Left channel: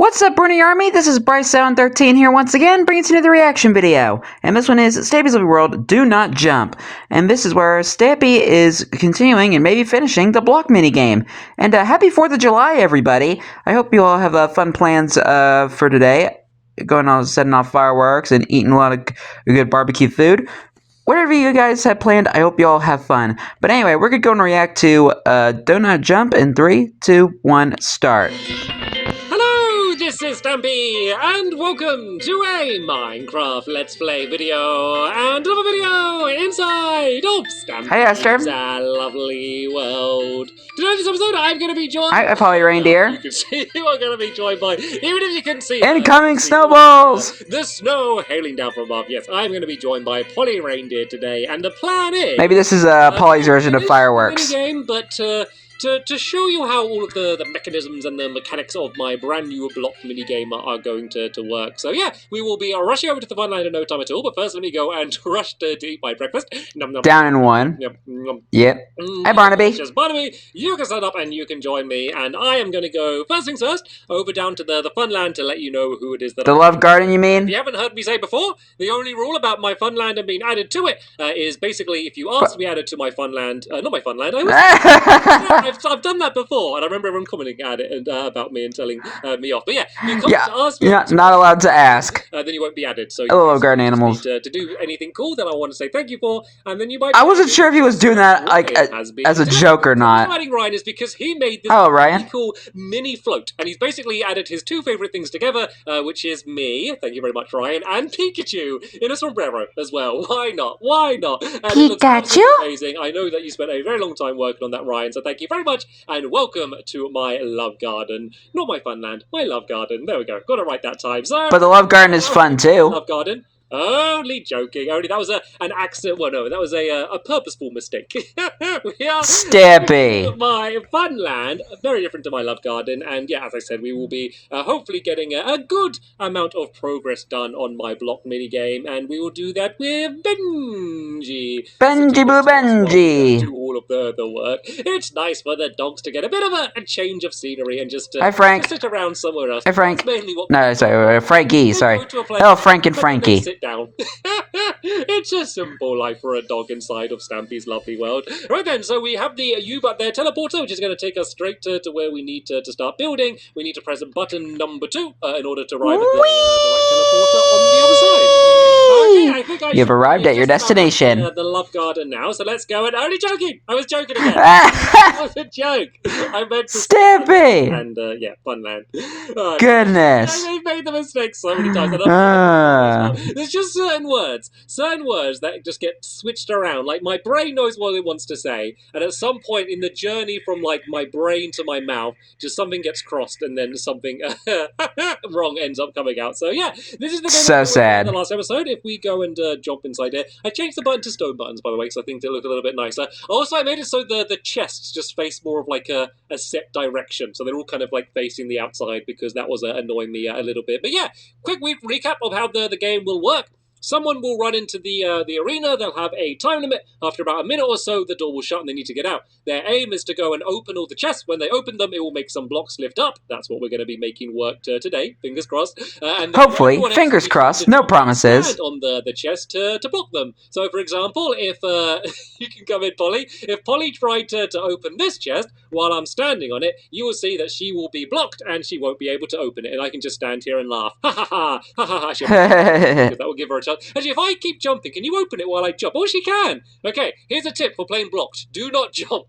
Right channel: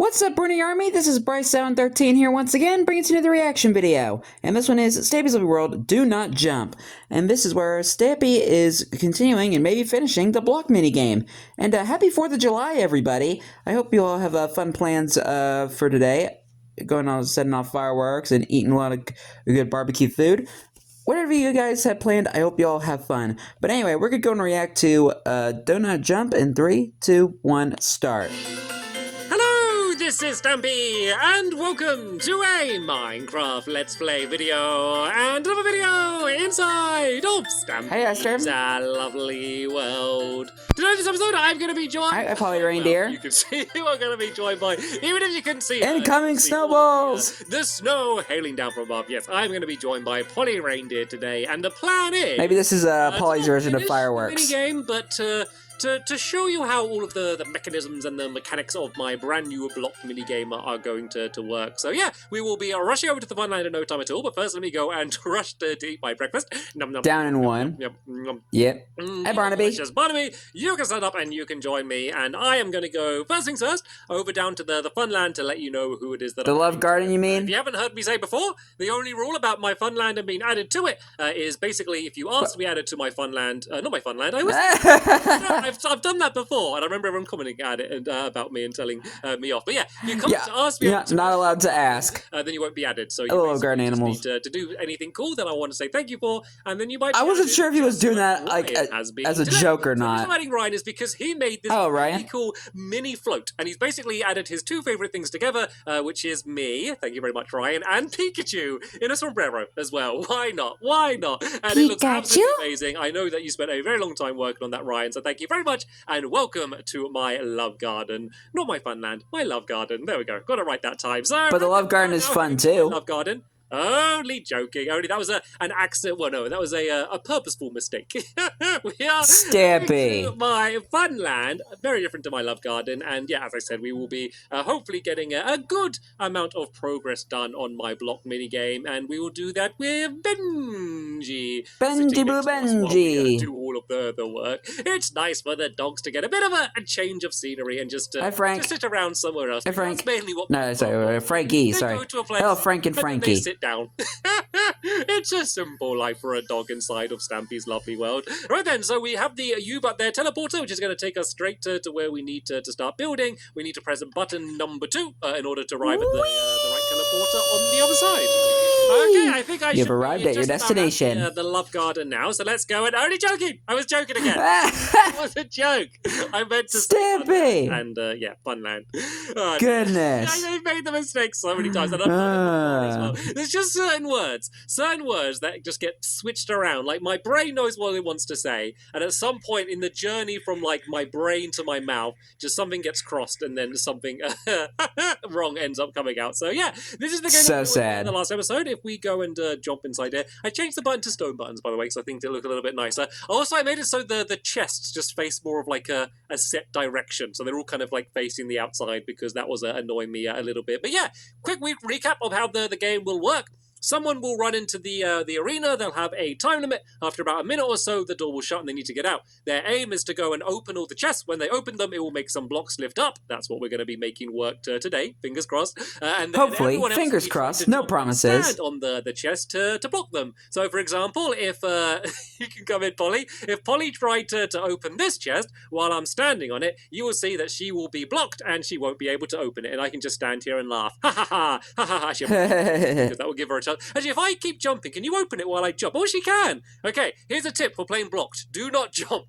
What's up, Bruni Army? This is BryceAllen13 here once again, bringing to you another reaction video. And this one is Stampy's Lovely World, Do Not Jump. And this is where Stampy is continuing and maybe finishing the block minigame. And happy 4th of July, everybody. I hope you all have fun plans for today. Going on, setting off fireworks and eating a lot of good barbecue food. Whatever you guys have planned, I hope you all have fun. But anyway, we're going to go and react to Do Not Jump in 3, 2, 1, start. This is Stampy, and welcome to a Minecraft Let's Play video, and another video inside of Stampy's lovely world. Today in this episode, I'm going to be joined by Polly Reindeer. You can see who I'm going to be joined by, even if you can see incoming snowballs! The snow hailing down from above. Yes, I'm going to be joined by Polly Reindeer today, and the plan is... Maybe this is Polly's version of fireworks. Game, but to show you how all of the mechanisms and the mechanics of my brand new block minigame are going to work. So yeah, we will be rushing over to the fun line in no time at all, but first let me go and rush to eat my breakfast. Nom, nom. Down in one. Yep. Yep. Hi, Barnaby. Just Barnaby, you can sign up and you can join me, and I am going to go, first things first, over down to the fun land to let you know who it is that The Love Garden, you mean? If you haven't heard me say before, the only rule about my fun land and being added to it is basically if you ask to be added to my fun land, not my fun land, I've done that before. And I remember everyone commenting at it and about me and telling me off. But yeah, you come to ask me. You're not allowed to ask. Then you won't be added. So you garden animals. Need to do anything cool that I want to say thank you for, and then you might. I wasn't sure if he was doing that like as a joke or not. The reason I'm Ryan is because he made this really cool mini float, and he's basically added his two favorite things together, which is me. Thank you very much, Ryan, and Pikachu in a sombrero as well. Why not? Why not? And Pikachu? It looks amazing. I know that you spent a very long time working on that, Ryan. So thank you very much, and welcome to my love garden. Not my fun land, my love garden. There we go. Got it right that time. So, but the love garden is fun too. Love garden. Only joking. Only that was an accident. Well, no, that was a purposeful mistake. We are Stampy. My fun land, very different to my love garden, and yeah, as I said, we will be hopefully getting a good amount of progress done on my block minigame, and we will do that with Benji. Benji Boo Benji. Do all of the work. It's nice for the dogs to get a bit of a change of scenery and just Hi, Frank. Just sit around somewhere else. Hi, Frank. Mainly what no, sorry, Frankie. Sorry. Hello, Frank and Frankie. Down. It's a simple life for a dog inside of Stampy's lovely world. Right then, so we have the U-But there teleporter, which is going to take us straight to where we need to start building. We need to press button number 2 in order to arrive at the right teleporter on the other side. Okay, I think You've arrived at your destination. The love garden now, so let's go. And only joking! I was joking again. That was a joke. I meant to Stampy! And yeah, fun land. Goodness. I've made the mistake so many times. There's just certain words that just get switched around. Like my brain knows what it wants to say, and at some point in the journey from like my brain to my mouth, just something gets crossed, and then something wrong ends up coming out. So yeah, this is the game. So sad. In the last episode, if we go and jump inside there, I changed the button to stone buttons, by the way, so I think they look a little bit nicer. Also, I made it so the chests just face more of like a set direction, so they're all kind of like facing the outside because that was annoying me a little bit. But yeah, quick recap of how the game will work. Someone will run into the arena, they'll have a time limit. After about a minute or so, the door will shut and they need to get out. Their aim is to go and open all the chests. When they open them, it will make some blocks lift up. That's what we're going to be making work today, fingers crossed. And hopefully, fingers crossed, no promises. On the chest to block them. So, for example, if, you can come in, Polly. If Polly tried to open this chest while I'm standing on it, you will see that she will be blocked and she won't be able to open it. And I can just stand here and laugh. Ha ha ha, ha ha ha. That will give her a chance. Actually, if I keep jumping, can you open it while I jump? Oh, she can! Okay, here's a tip for playing blocked. Do not jump.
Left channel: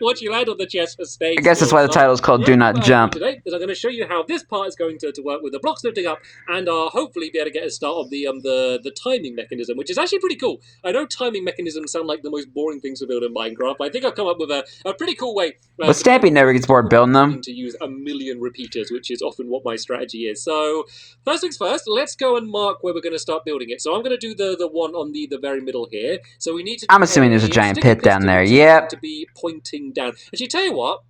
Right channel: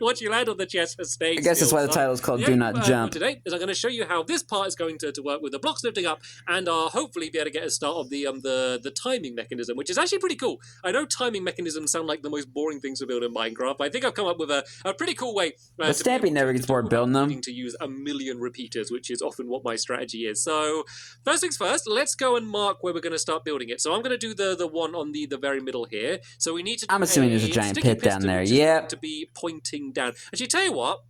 Once you land on the chest, stay. I guess that's why the title is called Do Not Jump. Today is I'm going to show you how this part is going to work with the blocks lifting up, and hopefully be able to get a start of the timing mechanism, which is actually pretty cool. I know timing mechanisms sound like the most boring things to build in Minecraft, but I think I've come up with a pretty cool way. But Stampy never gets bored building them. To use a million repeaters, which is often what my strategy is. So, first things first, let's go and mark where we're going to start building it. So I'm going to do the one on the very middle here. So we need to. I'm assuming there's a giant pit down there. Yep. To be pointing down. Actually, tell you what.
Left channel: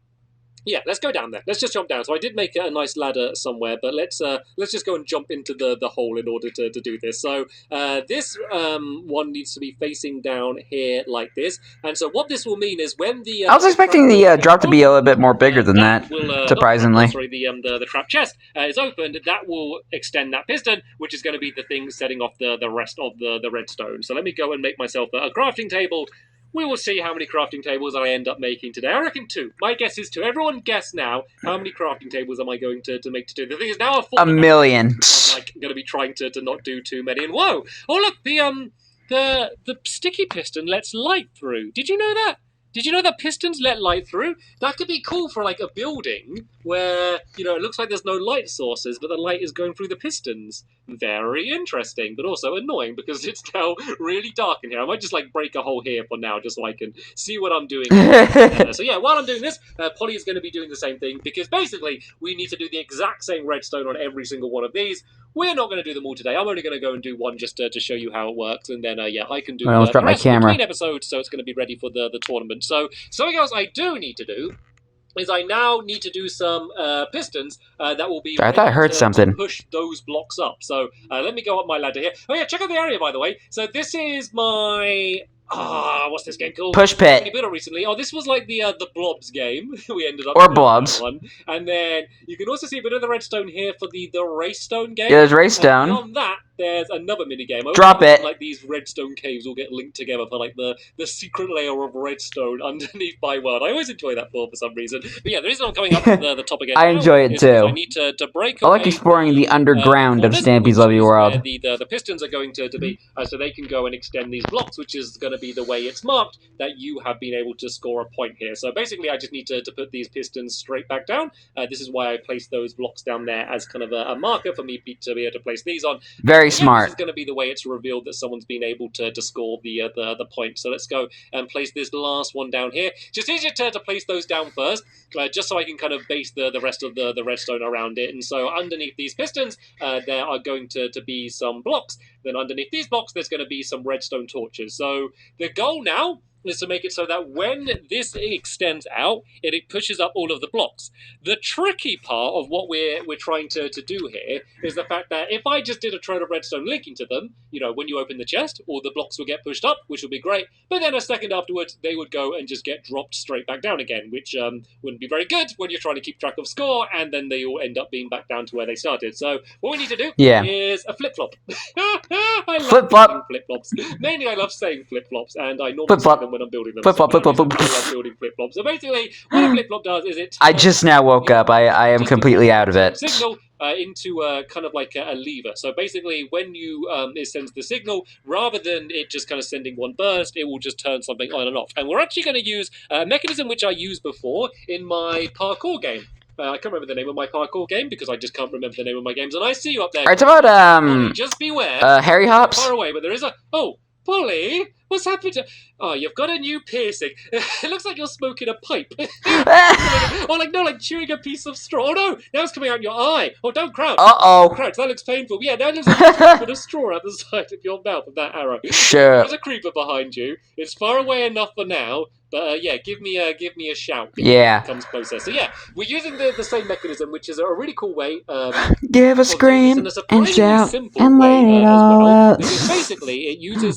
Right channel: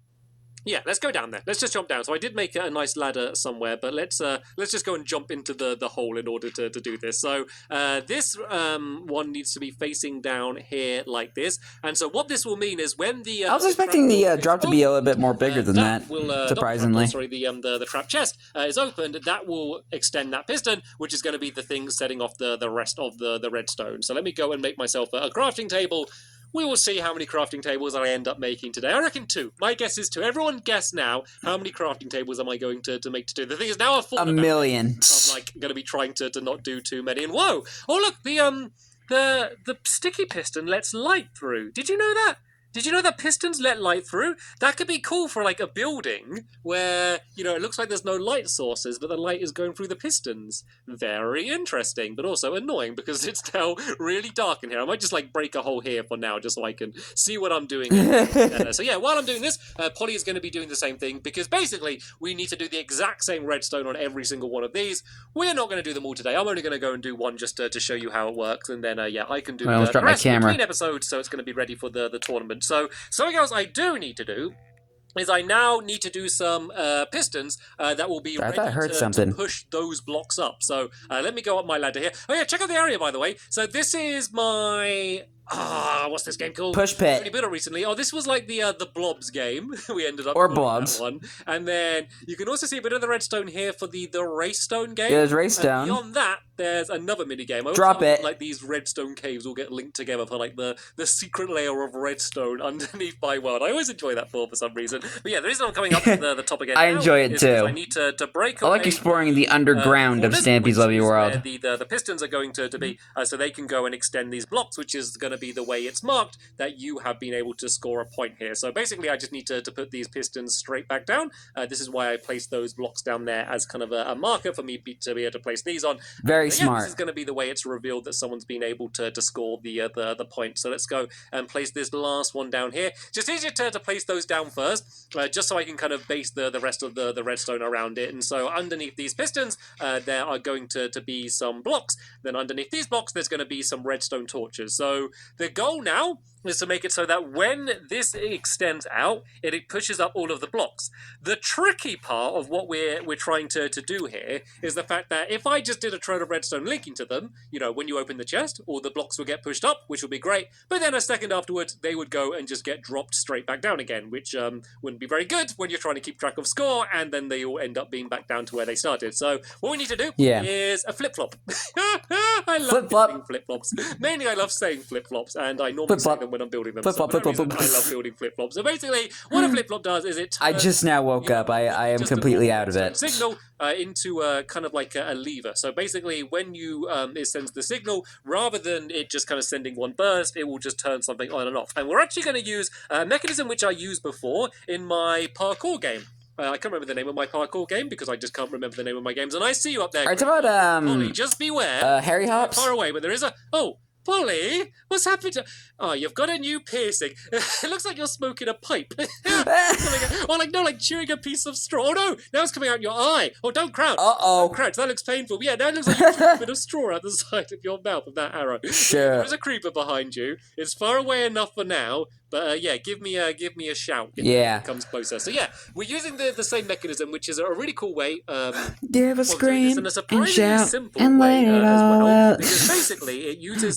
Yeah, let's go down there. Let's just jump down. So I did make a nice ladder somewhere, but let's just go and jump into the hole in order to do this. So this one needs to be facing down here like this. And so what this will mean is when the I was expecting the drop to be a little bit more bigger than that, will, surprisingly. the trap chest is opened. That will extend that piston, which is going to be the thing setting off the rest of the redstone. So let me go and make myself a crafting table. We will see how many crafting tables I end up making today. I reckon 2. My guess is 2. Everyone guess now, how many crafting tables am I going to make to do? The thing is, now a million. I'm like going to be trying to not do too many. And whoa! Oh look, the sticky piston lets light through. Did you know that? Did you know that pistons let light through? That could be cool for like a building where, you know, it looks like there's no light sources, but the light is going through the pistons. Very interesting, but also annoying because it's now really dark in here. I might just like break a hole here for now just so I can see what I'm doing. So yeah, while I'm doing this, Polly is going to be doing the same thing because basically we need to do the exact same redstone on every single one of these. We're not going to do them all today. I'm only going to go and do one just to show you how it works, and then yeah, I can do the rest between episodes, so it's going to be ready for the tournament. So something else I do need to do is I now need to do some pistons that will be I thought I heard something. to push those blocks up. So let me go up my ladder here. Oh yeah, check out the area, by the way. So this is my... what's this game called? Push Pit. We built it recently. Oh, this was like the Blobs game. We ended up or Blobs. One. And then you can also see a bit of the redstone here for the Raystone game. Yeah, there's Raystone. Beyond that, there's another mini game. Drop it. Like these redstone caves will get linked together for like the secret layer of redstone underneath my world. I always enjoy that for some reason. But yeah, the reason I'm coming up with the top again. I enjoy it too. I need to break. I like exploring the underground of Stampy's Lovely World. The pistons are going to be so they can go and extend these blocks, which is going to be the way it's marked that you have been able to score a point here. So basically, I just need to put these pistons straight back down. This is why I placed those blocks down there as kind of a marker for me to be able to place these on. Very smart. This is going to be the way it's revealed that someone's been able to score the point. So let's go and place this last one down here. Just easier to place those down first, just so I can kind of base the rest of the redstone around it. And so underneath these pistons, there are going to be some blocks. Then underneath these blocks, there's going to be some redstone torches. So the goal now is to make it so that when this extends out, it pushes up all of the blocks. The tricky part of what we're trying to do here is the fact that if I just did a trail of redstone linking to them, you know, when you open the chest, all the blocks would get pushed up, which would be great, but then a second afterwards, they would go and just get dropped straight back down again, which wouldn't be very good when you're trying to keep track of score, and then they all end up being back down to where they started. So what we need to do is a flip-flop. I love flip-flops. Mainly I love saying flip-flops, and I normally say them when I'm building them. Flip-flop. Building flip-flops. So basically, what a flip-flop does is it... I just now woke up. I am completely out of it. Signal into kind of like a lever. So basically, when you it sends the signal, rather than it just kind of sending one burst, it will just turn something on and off. And we're actually going to use a mechanism which I used before in my parkour game. I can't remember the name of my parkour game because I just can't remember the name of my games. And I see you up there. Alright, it's about Polly, just beware. Harry Hops. Far away, but there is a... Oh, Polly, what's happened to... Oh, you've got a new piercing. It looks like you're smoking a pipe. Or like chewing a piece of straw. Oh no, now it's coming out your eye. Oh, don't crouch. Uh-oh. Crouch, that looks painful. Yeah, now it looks like you're smoking a bit of straw out the side of your mouth with that arrow. Sure. There's a creeper behind you. It's far away enough for now. But yeah, give me a shout. Yeah. It comes closer. So yeah, we're using the same mechanism, which is a really cool way. Give a scream and shout and let it all out. Because basically, it uses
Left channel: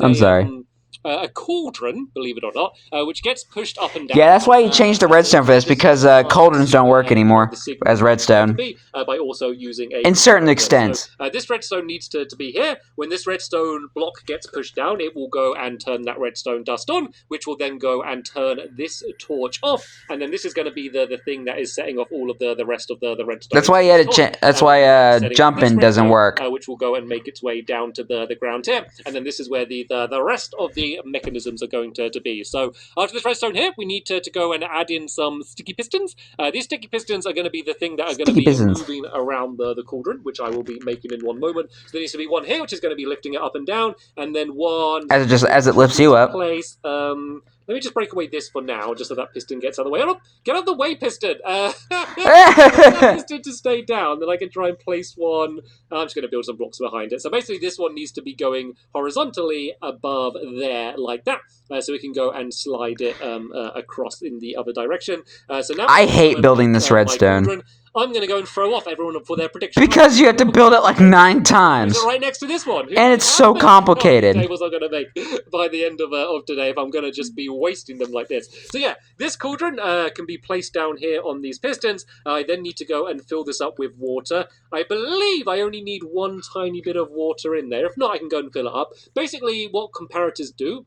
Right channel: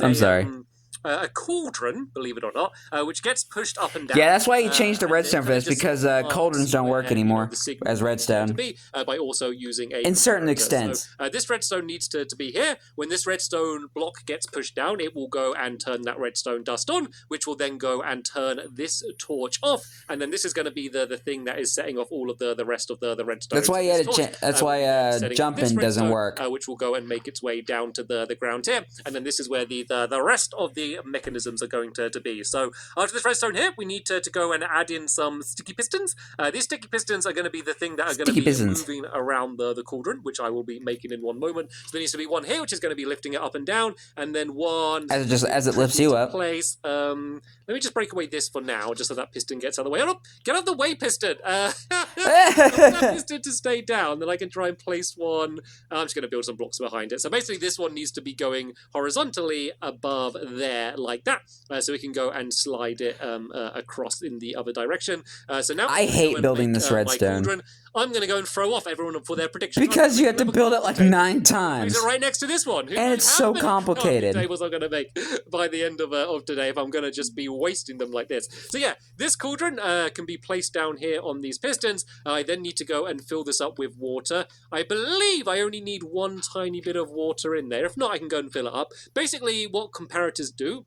a cauldron, believe it or not, which gets pushed up and down. Yeah, that's why you changed the redstone for this, because cauldrons don't work anymore as redstone. By also using in certain extents. So, this redstone needs to be here. When this redstone block gets pushed down, it will go and turn that redstone dust on, which will then go and turn this torch off. And then this is going to be the thing that is setting off all of the rest of the redstone. That's why you had that's why jumping doesn't work. Which will go and make its way down to the ground here. And then this is where the rest of the mechanisms are going to be. So after this redstone here, we need to go and add in some sticky pistons. These sticky pistons are going to be the thing that are going to be moving around the cauldron, which I will be making in one moment. So there needs to be one here, which is going to be lifting it up and down, and then one as it lifts you up. Place. Let me just break away this for now, just so that piston gets out of the way. Oh, get out of the way, piston! That piston to stay down, then I can try and place one. I'm just going to build some blocks behind it. So basically this one needs to be going horizontally above there, like that. So we can go and slide it across in the other direction. So now I hate building this redstone. I'm going to go and throw off everyone for their prediction. Because you have to build it like 9 times. It's right next to this one. And it's so complicated. Tables I'm going to make by the end of today if I'm going to just be wasting them like this. So yeah, this cauldron can be placed down here on these pistons. I then need to go and fill this up with water. I believe I only need one tiny bit of water in there. If not, I can go and fill it up. Basically, what comparators do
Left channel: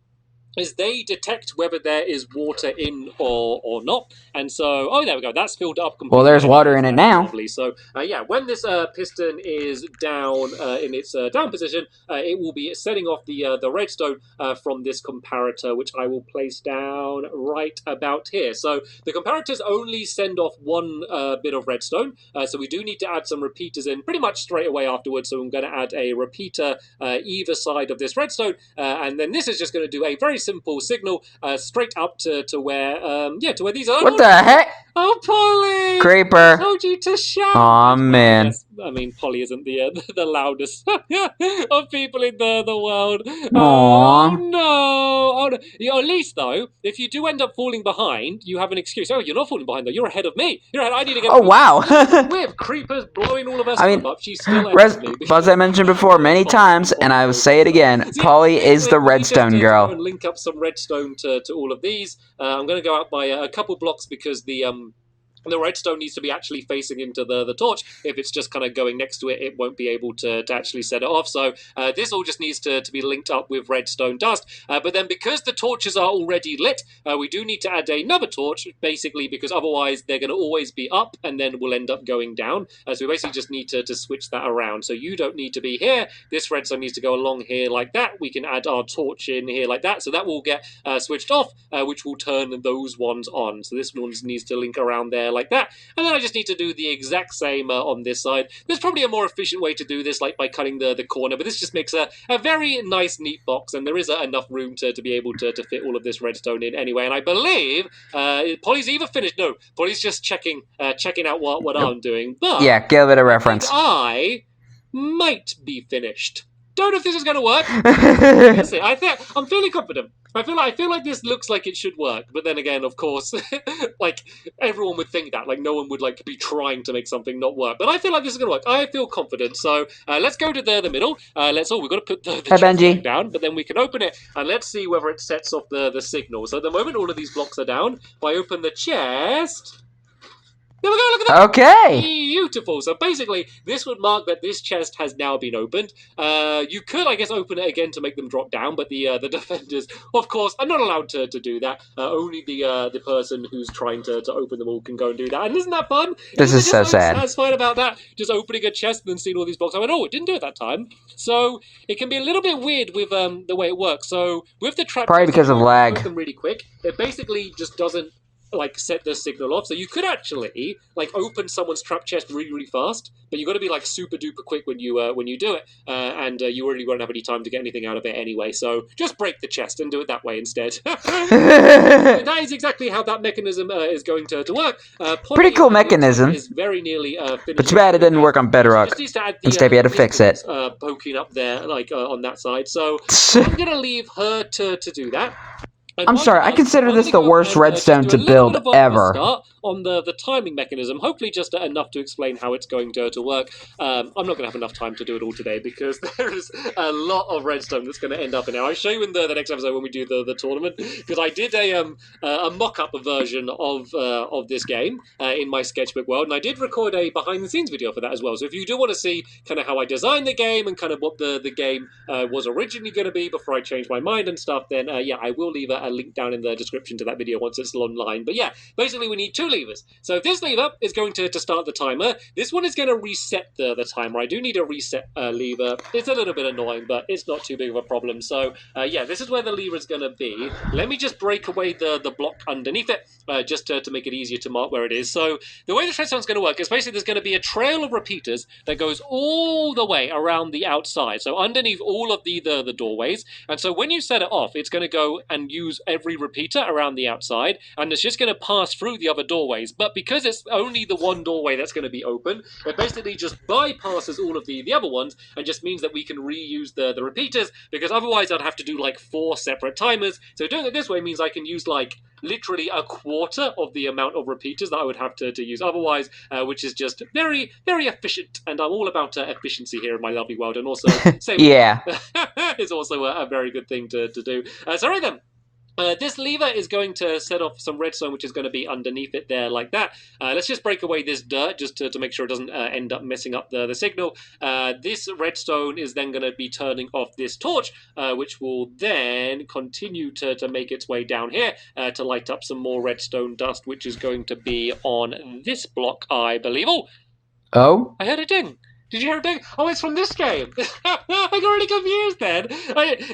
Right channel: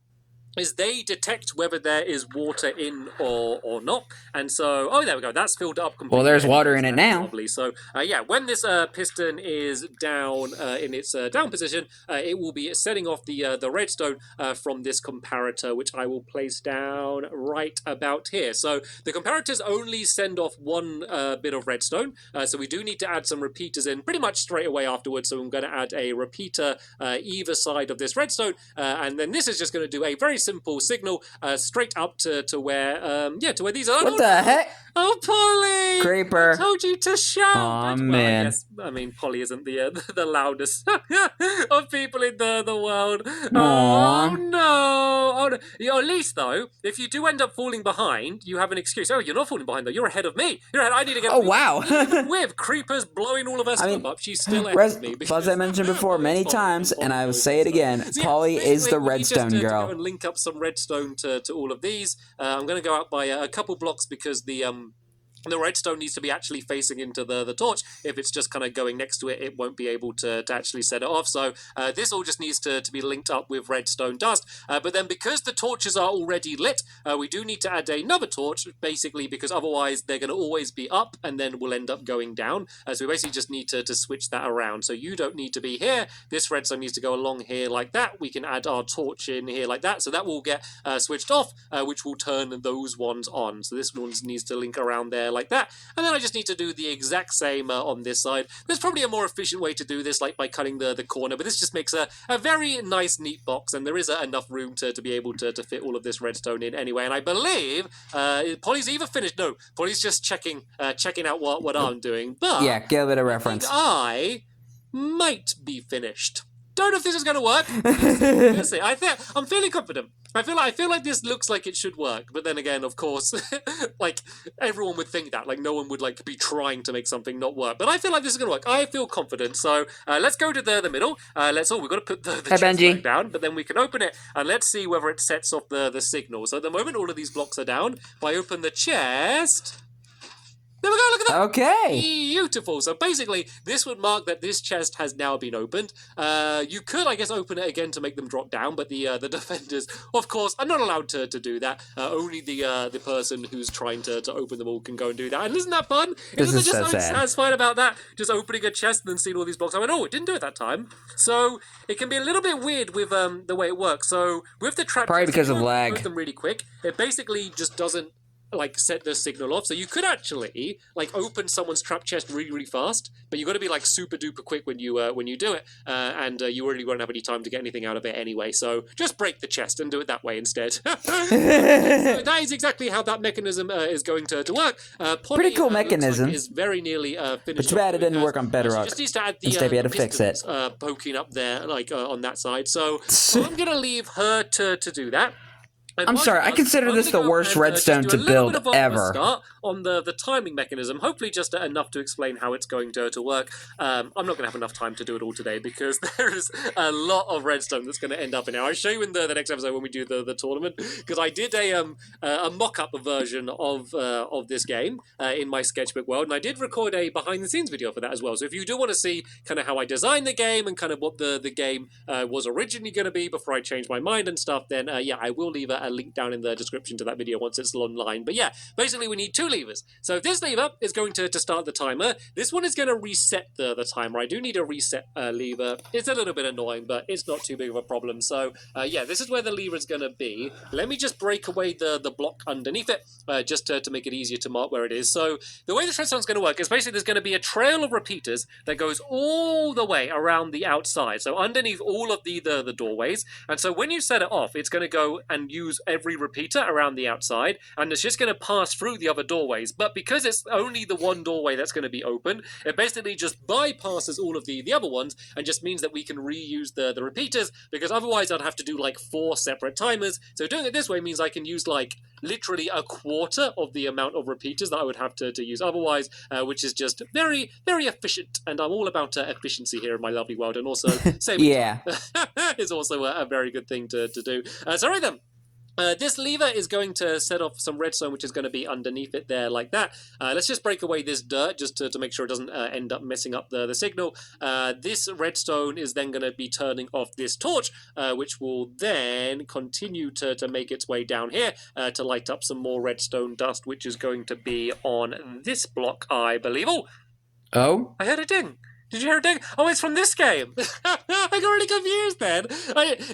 is they detect whether there is water in or not. And so, oh, there we go. That's filled up completely. Well, there's water in it now. So, yeah, when this piston is down in its down position, it will be setting off the redstone from this comparator, which I will place down right about here. So the comparators only send off one bit of redstone. So we do need to add some repeaters in pretty much straight away afterwards. So I'm going to add a repeater either side of this redstone. And then this is just going to do a very simple signal straight up to where to where these are. What the heck? Oh, Polly! Creeper. I told you to shout. Aw, man. Yes, I mean, Polly isn't the loudest of people in the world. Aww. Oh no! Oh, no. You know, at least though, if you do end up falling behind, you have an excuse. Oh, you're not falling behind though. You're ahead of me. You're ahead. I need to get. Oh wow! We have creepers blowing all of us up. She's still ahead of me. As I mentioned before many times, and I will say it again, Polly is the redstone girl. And link up some redstone to all of these. I'm going to go out by a couple blocks because the redstone needs to be actually facing into the torch. If it's just kind of going next to it, it won't be able to actually set it off. So this all just needs to be linked up with redstone dust. But then because the torches are already lit, we do need to add another torch, basically, because otherwise they're going to always be up and then we'll end up going down. So we basically just need to switch that around. So you don't need to be here. This redstone needs to go along here like that. We can add our torch in here like that. So that will get switched off, which will turn those ones on. So this one needs to link around there like that, and then I just need to do the exact same on this side. There's probably a more efficient way to do this, like by cutting the corner, but this just makes a very nice, neat box, and there is enough room to be able to fit all of this redstone in anyway. And I believe Polly's either finished. No, Polly's just checking out what I'm doing. But yeah, give it a reference. I might be finished. Don't know if this is going to work. I'm feeling confident. I feel like this looks like it should work, but then again, of course, like everyone would think that, like no one would like be trying to make something not work. But I feel like this is going to work. I feel confident. So let's go to the middle. We've got to put the chest down, but then we can open it and let's see whether it sets off the signal. So at the moment, all of these blocks are down. If I open the chest. There we go, look at that. Okay. Beautiful. So basically, this would mark that this chest has now been opened. You could, I guess, open it again to make them drop down, but the defenders, of course, are not allowed to do that. Only the person who's trying to open them all can go and do that. And isn't that fun? This is so sad. That's fine about that. Just opening a chest and then seeing all these blocks. I went, oh, it didn't do it that time. So it can be a little bit weird with the way it works. So with the trap, probably because of lag. Them really quick. It basically just doesn't like set the signal off. So you could actually like open someone's trap chest really fast, but you've got to be like super duper quick when you do it, and you really won't have any time to get anything out of it anyway. So just break the chest and do it that way instead. So that is exactly how that mechanism is going to work. Pretty cool mechanism. Is very nearly finished. But too bad it didn't work on Bedrock. And Stampy had to fix it. Poking up there like on that side. So I'm gonna leave her to do that. I'm sorry, I consider this the worst redstone to build ever. On the timing mechanism, hopefully just enough to explain how it's going to work. I'm not going to have enough time to do it all today because there is a lot of redstone that's going to end up in here. I'll show you in the next episode when we do the tournament, because I did a mock-up version of this game in my sketchbook world, and I did record a behind-the-scenes video for that as well. So if you do want to see kind of how I designed the game and kind of what the game was originally going to be before I changed my mind and stuff, then yeah, I will leave a link down in the description to that video once it's online. But yeah, basically we need two levers. So this lever is going to start the timer. This one is going to reset the timer. I do need a reset lever. It's a little bit annoying, but it's not too big of a problem. So yeah, this is where the lever is going to be. Let me just break away the block underneath it, just to make it easier to mark where it is. So the way the redstone is going to work is basically there's going to be a trail of repeaters that goes all the way around the outside. So underneath all of the doorways. And so when you set it off, it's going to go and use use every repeater around the outside, and it's just going to pass through the other doorways. But because it's only the one doorway that's going to be open, it basically just bypasses all of the other ones, and just means that we can reuse the repeaters, because otherwise I'd have to do like 4 separate timers. So doing it this way means I can use like literally a quarter of the amount of repeaters that I would have to use otherwise, which is just very, very efficient. And I'm all about efficiency here in my lovely world, and also same is also a very good thing to do. So right then. This lever is going to set off some redstone, which is going to be underneath it there like that. Let's just break away this dirt just to make sure it doesn't end up messing up the signal. This redstone is then going to be turning off this torch, which will then continue to make its way down here to light up some more redstone dust, which is going to be on this block, I believe. Oh? I heard a ding. Did you hear a ding? Oh, it's from this game. I got really confused then.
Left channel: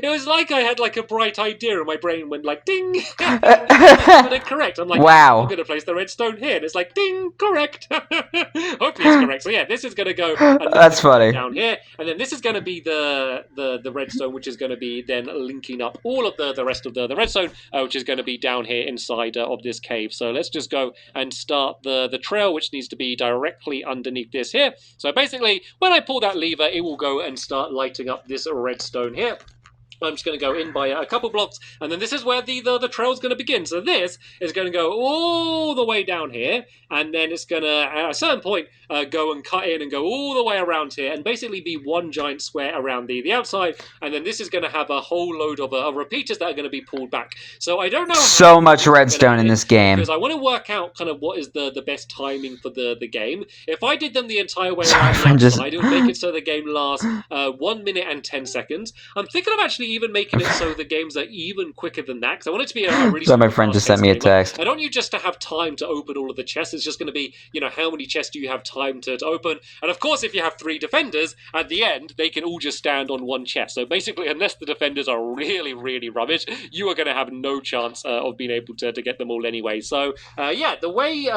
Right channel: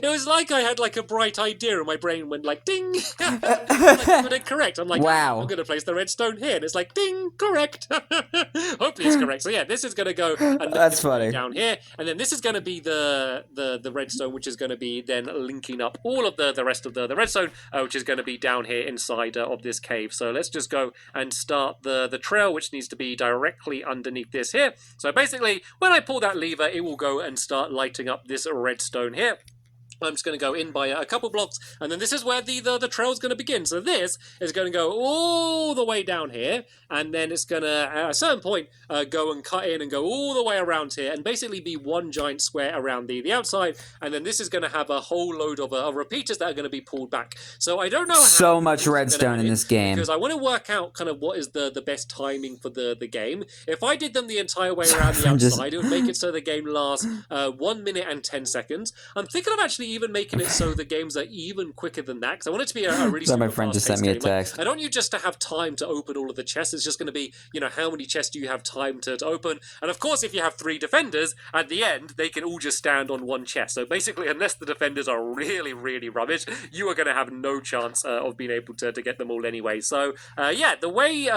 It was like I had like a bright idea and my brain went like ding. But incorrect. I'm like, wow. I'm going to place the redstone here. And it's like ding, correct. Hopefully it's correct. So yeah, this is going to go That's funny. down here. And then this is going to be the redstone, which is going to be then linking up all of the rest of the redstone, which is going to be down here inside of this cave. So let's just go and start the trail, which needs to be directly underneath this here. So basically, when I pull that lever, it will go and start lighting up this redstone here. I'm just going to go in by a couple blocks, and then this is where the trail is going to begin. So this is going to go all the way down here, and then it's going to, at a certain point, go and cut in and go all the way around here, and basically be one giant square around the outside, and then this is going to have a whole load of repeaters that are going to be pulled back. So I don't know so much redstone in this game. Because I want to work out kind of what is the best timing for the game. If I did them the entire way around the outside, it would make it so the game lasts 1 minute and 10 seconds. I'm thinking of actually even making it so the games are even quicker than that, because I want it to be a really so my friend just sent me a text. I don't want you just to have time to open all of the chests. It's just going to be, you know, how many chests do you have time to open? And of course, if you have 3 defenders, at the end, they can all just stand on one chest. So basically, unless the defenders are really, really rubbish, you are going to have no chance of being able to get them all anyway. So, yeah, the way...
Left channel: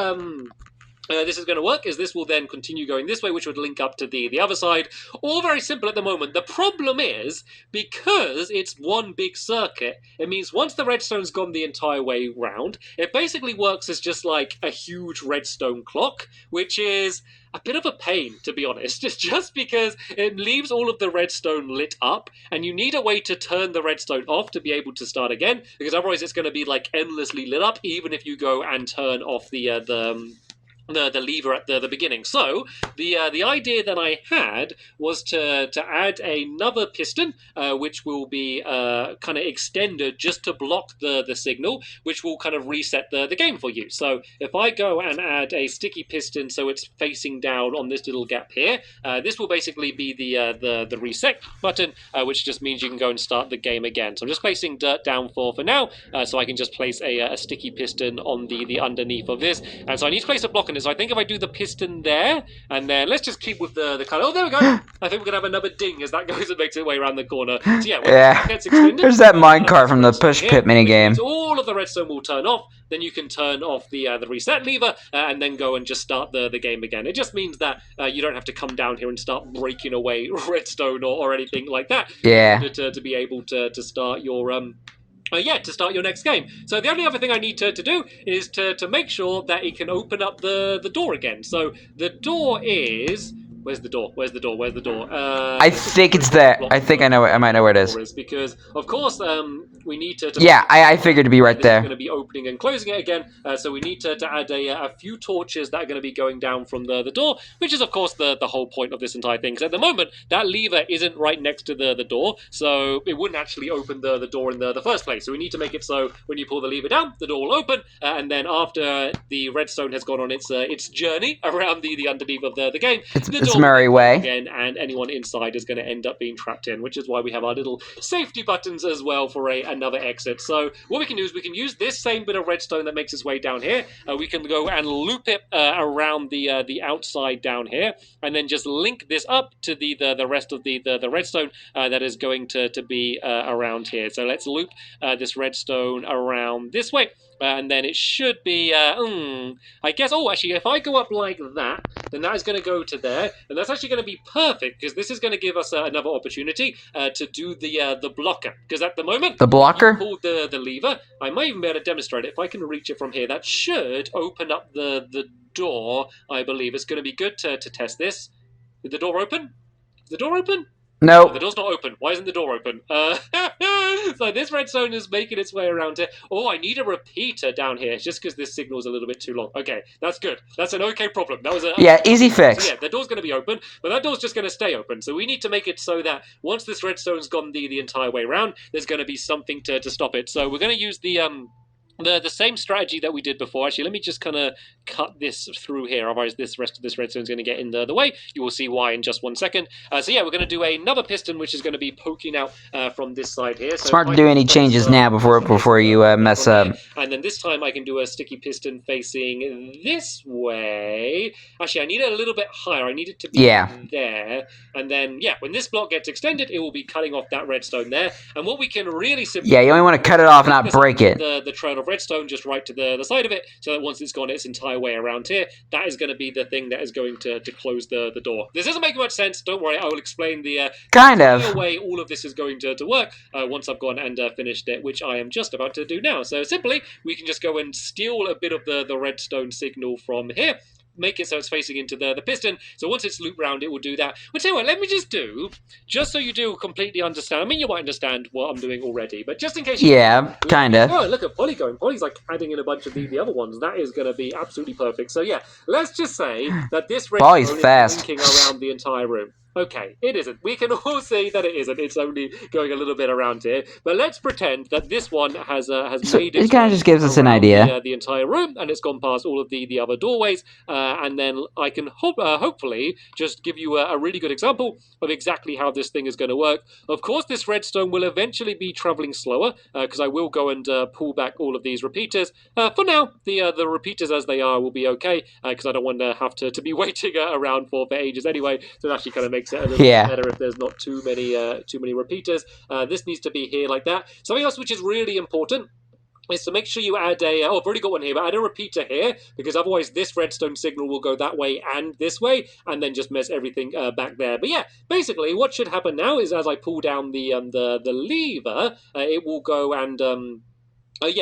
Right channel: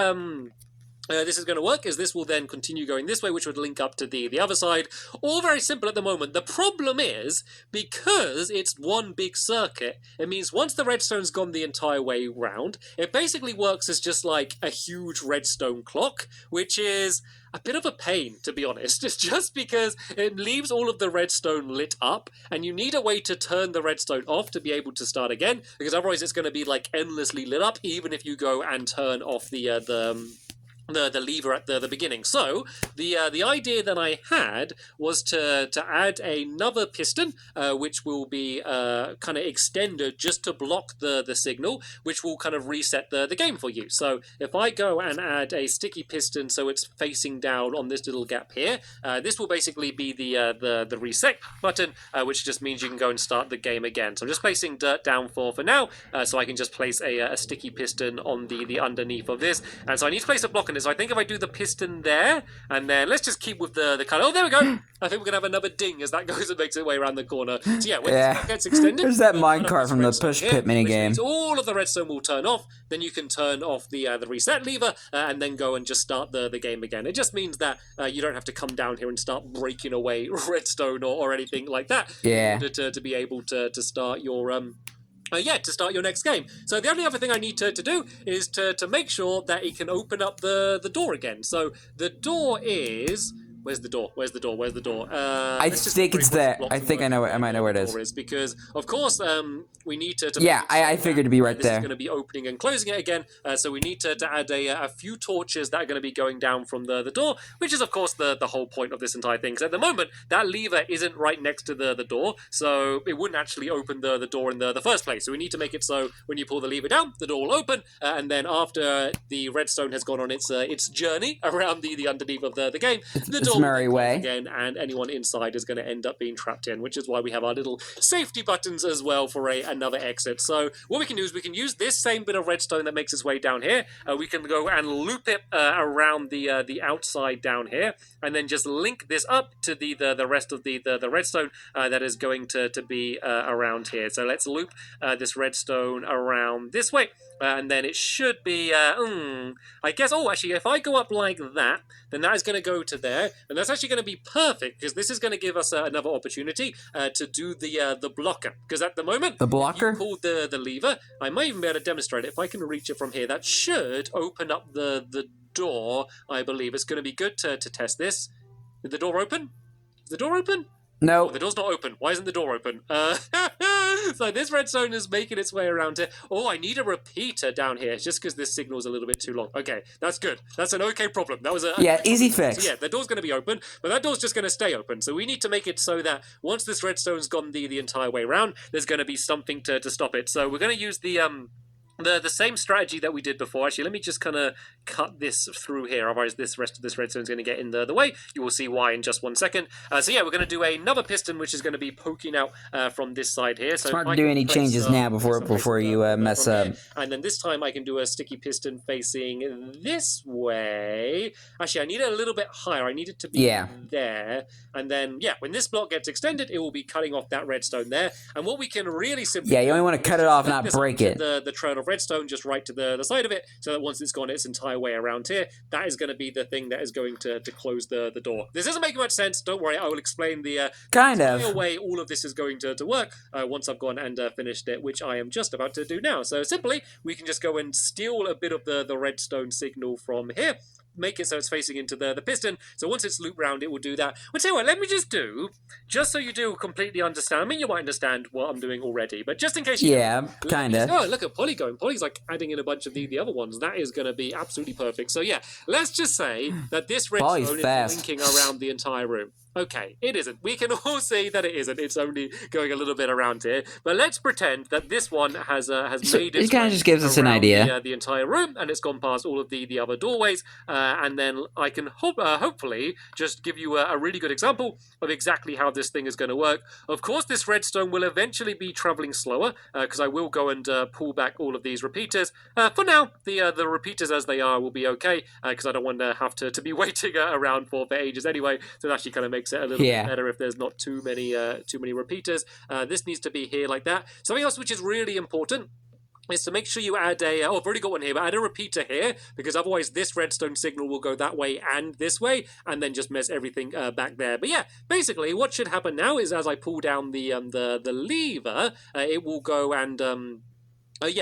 this is going to work is this will then continue going this way, which would link up to the other side. All very simple at the moment. The problem is, because it's one big circuit, it means once the redstone's gone the entire way round, it basically works as just like a huge redstone clock, which is a bit of a pain, to be honest. It's just because it leaves all of the redstone lit up, and you need a way to turn the redstone off to be able to start again, because otherwise it's going to be like endlessly lit up, even if you go and turn off the lever at the beginning. So the idea that I had was to add another piston, which will be kind of extended just to block the signal, which will kind of reset the game for you. So if I go and add a sticky piston so it's facing down on this little gap here, this will basically be the reset button, which just means you can go and start the game again. So I'm just placing dirt down for now, so I can just place a sticky piston on the underneath of this. And so I need to place a block on it. So I think if I do the piston there, and then let's just keep with the kind of... Oh, there we go! I think we're going to have another ding as that goes and makes its way around the corner. So yeah, when it gets extended... There's that minecart from the push pit minigame. All of the redstone will turn off, then you can turn off the reset lever, and then go and just start the game again. It just means that you don't have to come down here and start breaking away redstone or anything like that. Yeah. To be able to start your... to start your next game. So the only other thing I need to do is to make sure that it can open up the door again. So the door is... Where's the door? Where's the door? Where's the door? I think it's there. I think I know. I might know where it is. Because of course we need to yeah, I figured to be right there. This is going to be opening and closing it again. So we need to add a few torches that are going to be going down from the door, which is of course the whole point of this entire thing. Because at the moment that lever isn't right next to the door, so it wouldn't actually open the door in the first place. So we need to make it so when you pull the lever down, the door will open, and then after the redstone has gone on its journey around the underneath of the game, it's merry way again, and anyone inside is going to end up being trapped in, which is why we have our little safety buttons as well for another exit. So what we can do is we can use this same bit of redstone that makes its way down here. We can go and loop it around the outside down here, and then just link this up to the rest of the redstone that is going to be around here. So let's loop this redstone around this way. And then it should be, I guess, actually, if I go up like that, then that is going to go to there. And that's actually going to be perfect, because this is going to give us another opportunity to do the blocker. Because at the moment, The blocker? you pulled the lever. I might even be able to demonstrate it. If I can reach it from here, that should open up the door, I believe. It's going to be good to test this. Did the door open? Is the door open? No. The door's not open. Why isn't the door open? So this redstone is making its way around here. Oh, I need a repeater down here, just because this signal's a little bit too long. Okay, that's good. That's an okay problem. That was easy fix. So yeah, the door's going to be open, but that door's just going to stay open. So we need to make it so that once this redstone's gone the entire way around, there's going to be something to stop it. So we're going to use the same strategy that we did before. Actually, let me just kind of cut this through here, otherwise this rest of this redstone is going to get in the way. You will see why in just 1 second. So yeah, we're going to do another piston, which is going to be poking out from this side here. So Smart to do any changes now before you mess up. And then this time I can do a sticky piston facing this way. Actually, I need it a little bit higher. I need it to be there. And then, yeah, when this block gets extended, it will be cutting off that redstone there. And what we can really simply... Yeah, you only want to cut it off, not break it. The trail of redstone just right to the side of it, so that once it's gone its entire way around here, that is going to be the thing that is going to close the door. This doesn't make much sense. Don't worry, I will explain the way all of this is going to work once I've gone and finished it, which I am just about to do now. So simply, we can just go and steal a bit of the redstone signal from here, make it so it's facing into the piston. So once it's looped round, it will do that. Well, tell you what, let me just so you do completely understand. I mean, you might understand what I'm doing already, but just in case you kind of. Oh, look at Polly going. Polly's like adding in a bunch of the other ones. That is going to be absolutely perfect. So yeah, let's just say that this redstone is linking around the entire room. Okay, it isn't. We can all see that it isn't. It's only going a little bit around here. But let's pretend that this one has made it. It kind of just gives us an idea. The entire room, and it's gone past all of the other doorways. And then I can hopefully just give you a really good example of exactly how this thing is going to work. Of course, this redstone will eventually be traveling slower because I will go and pull back all of these repeaters. For now, the repeaters as they are will be okay because I don't want to have to be waiting around for ages anyway. So it actually kind of makes it a little bit better if there's not too many repeaters. This needs to be here like that. Something else which is really important is to make sure you add I've already got one here, but add a repeater here, because otherwise this redstone signal will go that way and this way, and then just mess everything back there. But yeah, basically what should happen now is as I pull down the lever, it will go and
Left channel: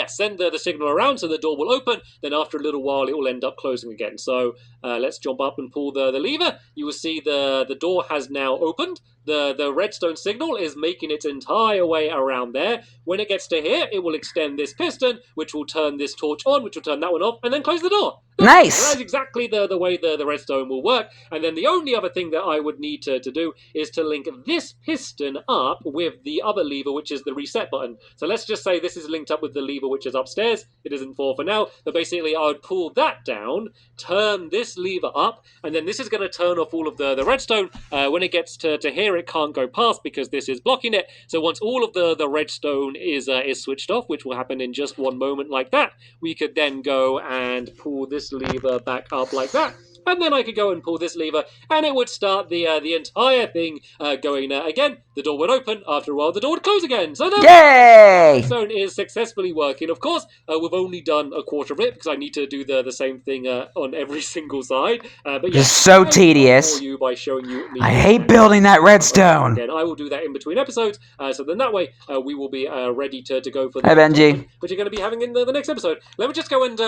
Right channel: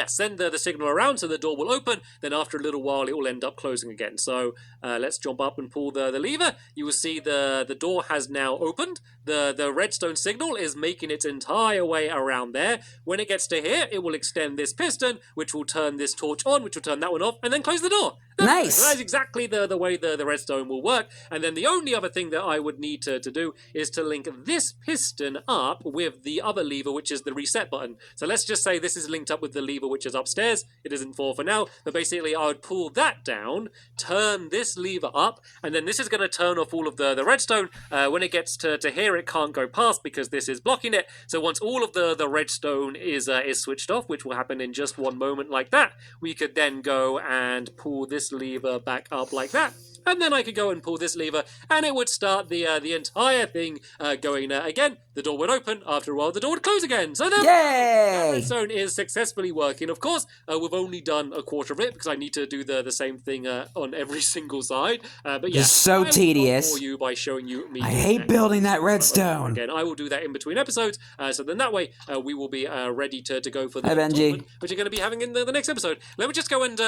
send the signal around so the door will open. Then after a little while, it will end up closing again. So let's jump up and pull the lever. You will see the door has now opened. The redstone signal is making its entire way around there. When it gets to here, it will extend this piston, which will turn this torch on, which will turn that one off, and then close the door. Nice! That's exactly the way the redstone will work. And then the only other thing that I would need to do is to link this piston up with the other lever, which is the reset button. So let's just say this is linked up with the lever which is upstairs. It isn't for now, but basically I would pull that down, turn this lever up, and then this is going to turn off all of the redstone. When it gets to here, it can't go past because this is blocking it. So once all of the redstone is switched off, which will happen in just one moment like that, we could then go and pull this lever back up like that. And then I could go and pull this lever, and it would start the entire thing going again. The door would open. After a while, the door would close again. So there, yay! the redstone is successfully working. Of course, we've only done a quarter of it because I need to do the same thing on every single side. But yeah, just so tedious. You by showing you I hate building that redstone. Again, I will do that in between episodes. So then that way we will be ready to go for the Hi, Benji. which you're going to be having in the next episode. Let me just go and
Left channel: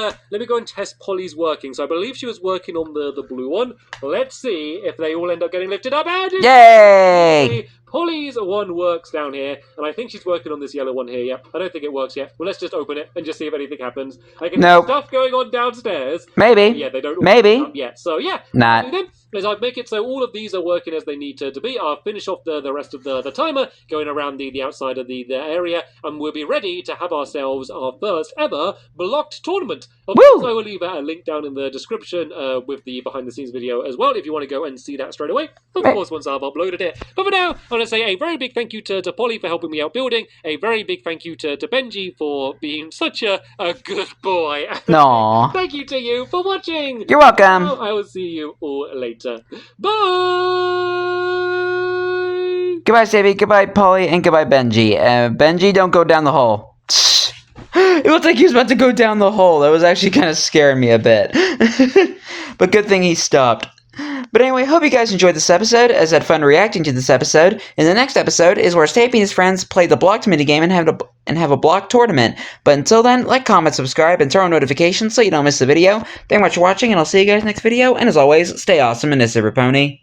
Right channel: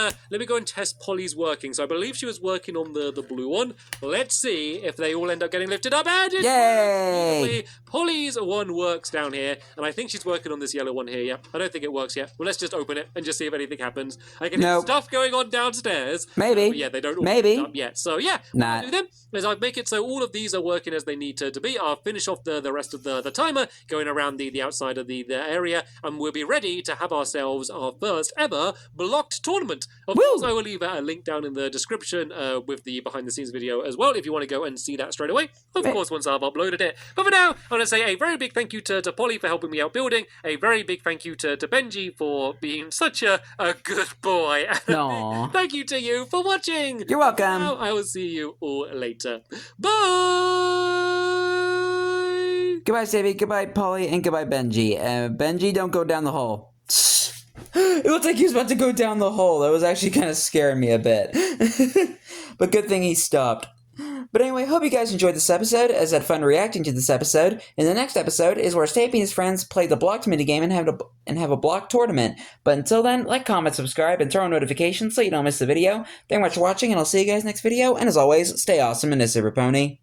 test Polly's working. So I believe she was working on the blue one. Let's see if they all end up getting lifted up. And yay! Polly's one works down here, and I think she's working on this yellow one here. Yep, I don't think it works yet. Well, let's just open it and just see if anything happens. I can hear stuff going on downstairs. Maybe. But yeah, they don't all maybe up yet. So yeah, not. As I make it so all of these are working as they need to be, I'll finish off the rest of the timer going around the outside of the area, and we'll be ready to have ourselves our first ever blocked tournament. Of course, I will leave a link down in the description with the behind the scenes video as well if you want to go and see that straight away. Of course, once I've uploaded it. But for now, I want to say a very big thank you to Polly for helping me out building. A very big thank you to Benji for being such a good boy. No. Thank you to you for watching. You're welcome. Now I will see you all later. Bye! Goodbye, Stampy. Goodbye, Polly. And goodbye, Benji. Benji, don't go down the hole. It looked like he was about to go down the hole. That was actually kind of scaring me a bit. But good thing he stopped. But anyway, hope you guys enjoyed this episode, as I had fun reacting to this episode. In the next episode is where Stampy and his friends play the blocked minigame and have a block tournament. But until then, like, comment, subscribe, and turn on notifications so you don't miss the video. Thank you much for watching, and I'll see you guys next video. And as always, stay awesome and this is Pony.